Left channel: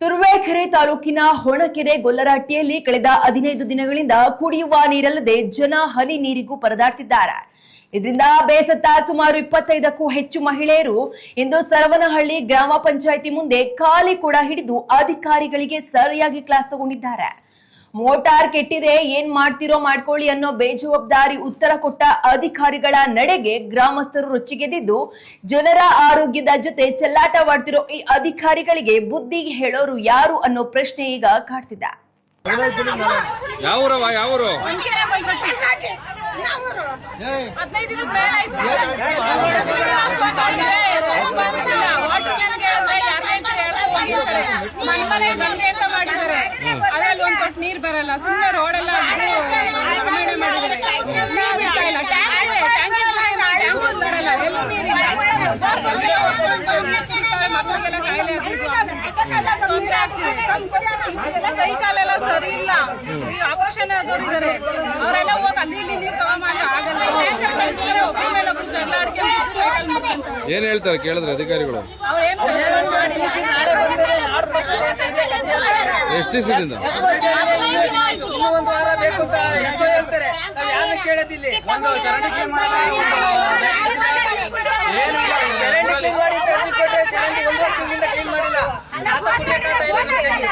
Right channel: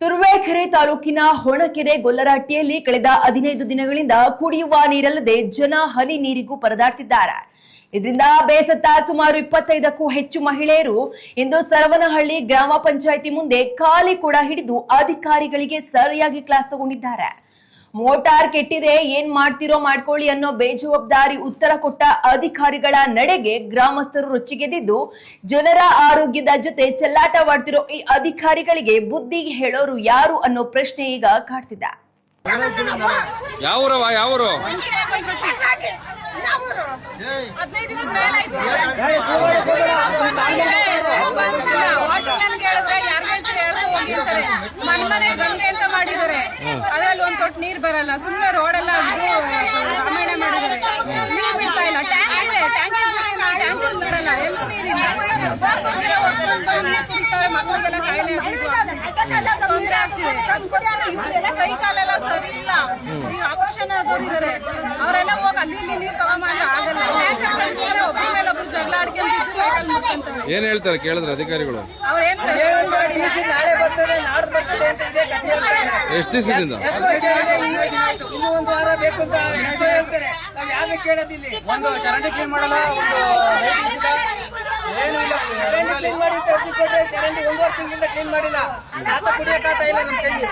ತುರುವೇಕೆರೆ ತಾಲೂಕಿನ ಹೊಣಕೆರೆ ಗೊಲ್ಲರಹಟ್ಟಿಯಲ್ಲಿ ಕಳೆದ 15 ದಿನಗಳಿಂದ ಕುಡಿಯುವ ನೀರಲ್ಲದೆ ಜನ ಹನಿ ನೀರಿಗೂ ಪರದಾಡ್ತಿದ್ದಾರೆ. ಇದರಿಂದ ಬೇಸತ್ತ ಸುಮಾರು 25ಕ್ಕೂ ಹೆಚ್ಚು ಮಹಿಳೆಯರು ಇಂದು ಸರವನಹಳ್ಳಿ ಗ್ರಾಮ ಪಂಚಾಯಿತಿ ಮುಂದೆ ಖಾಲಿ ಕೂಡ ಹಿಡಿದು ಅಧಿಕಾರಿಗಳಿಗೆ ಸರಿಯಾಗಿ ಕ್ಲಾಸ್ ತಗೊಂಡಿದ್ದಾರೆ. ಮೋಟಾರ್ ಕೆಟ್ಟಿದೆ, ಏನ್ ಮಾಡ್ತಿರೋ ಮಾಡ್ಕೊಳ್ಳಿ ಅನ್ನೋ ಬೇಜವಾಬ್ದಾರಿ ಉತ್ತರ ಕೊಟ್ಟ ಅಧಿಕಾರಿಗಳ ನಡೆಗೆ ಗ್ರಾಮಸ್ಥರು ರೊಚ್ಚಿಗೆದ್ದಿದ್ದು, ಜನರ ಆರೋಗ್ಯದ ಜೊತೆ ಚೆಲ್ಲಾಟವಾಡ್ತಿರೋ ಈ ಅಧಿಕಾರಿಗಳಿಗೆ ಬುದ್ಧಿ ಹೇಳೋರು ಯಾರು ಅನ್ನೋ ಪ್ರಶ್ನೆ ಈಗ ಕಾಡ್ತಿದೆ. ಯಾವೂರು 15 ದಿನದ ಮೇಲಾಯ್ತು. ಫೋನ್ ಮಾಡಿದ್ರೆ ರೆಸ್ಪಾನ್ಸ್ ಇಲ್ಲ. ವಾಟರ್ ಮ್ಯಾನ್ಗೆ ಹೇಳಿದ್ರೆ ಯಾರು ಹೇಳ್ತಾರೆ ಹೋಗಿ ಅಂತಾರೆ. ಮನೆ ಗಂಗೆ ಅಂತ ಮಾಡಿದ್ದಾರೆ, ಅದ್ರಲ್ಲಿ ಒಂದ್ ತೊಟ್ಟು ನೀರ್ ಬರಲ್ಲ. ಸುಮ್ಮನೆ ರೋಡೆಲ್ಲ ರಾಮಾಯಣ ಮಾಡಿದ್ದಾರೆ. ನೀರ್ ಬಿಡ್ತಾ ಇಲ್ಲ. ಟ್ಯಾಂಕ್ ಇದೆ, ಟ್ಯಾಂಕ್ ಬಿಡಲ್ಲ, ಎಲ್ಲೂ ನೀರಿಲ್ಲ. ಬೋರ್ಗೆಲ್ಲ ಒತ್ಕೊಂಡು ನೀರ್ ಸಿಗ್ತವೆ, ಮಕ್ಕಳಿಗೆಲ್ಲ ಕಾಯಿಲೆ ತೊಂದರೆ ಆಗ್ತಿದೆ. ಇವ್ರಿಗೆಲ್ಲ ಕೈ ಕಾಲೆಲ್ಲ ಸರಿ ಇಲ್ಲ. ಈಗ ಆಪರೇಷನ್ ಆದವ್ರು ಇದಾರೆ, ಅವರೆಲ್ಲ ಹೋಗಿ ಅಲ್ಲಿ ಇಲ್ಲಿ ನೀರ್ ತಗೊಂಬಂದ್ರೆ ಆಗಲ್ಲ. ಟ್ಯಾಂಕರ್ ಕಳಿಸ್ತಾರೆ, ಒಬ್ಬರ ಮೇಲೆ ಒಬ್ರು ಜಗಳ ಆಡ್ಕೊಂಡು ಸೈಕಲ್ ಮುಚ್ಕೊಂತಾರೆ. ಏನ್ ಹೇಳ್ತಾರೆ ಕೇಳಿದ್ರೆ ಅಧಿಕಾರಿಗಳು? ಅವ್ರೇನು ರೆಸ್ಪಾನ್ಸ್ ಮಾಡಿಲ್ಲ. ನಾಳೆ ಬರ್ತದೆ, ನಾಡ್ದು ಬರ್ತದೆ ಅಂತ ಇದೇ ಕಥೆ ಹೇಳ್ತಾರೆ. ಎಷ್ಟು ದಿವಸದಿಂದ? ಇನ್ನೂ ಒಂದು ವಾರ ಬೇಕು ಅಂತ ಹೇಳ್ತಾರೆ. ನಾವ್ ಯಾರು ಕೇಳೋದಿಲ್ಲ. ಒಂದು ಚರಂಡಿ ಕ್ಲೀನ್ ಮಾಡಲ್ಲ, ಏನು ಇಲ್ಲ. ಚರಂಡಿ ಕ್ಲೀನ್ ಮಾಡಿ ಅಂತ ಅರ್ಜಿ ಕೊಟ್ರೆ ಚರಂಡಿ 1.5 ತಿಂಗಳಿಂದ ಕ್ಲೀನ್ ಮಾಡಿಲ್ಲ. ಆತ ಕುಡಿಯಕ್ಕಾಗ್ತಾ ಇಲ್ಲ ನಮ್ ಕೈಗೆ.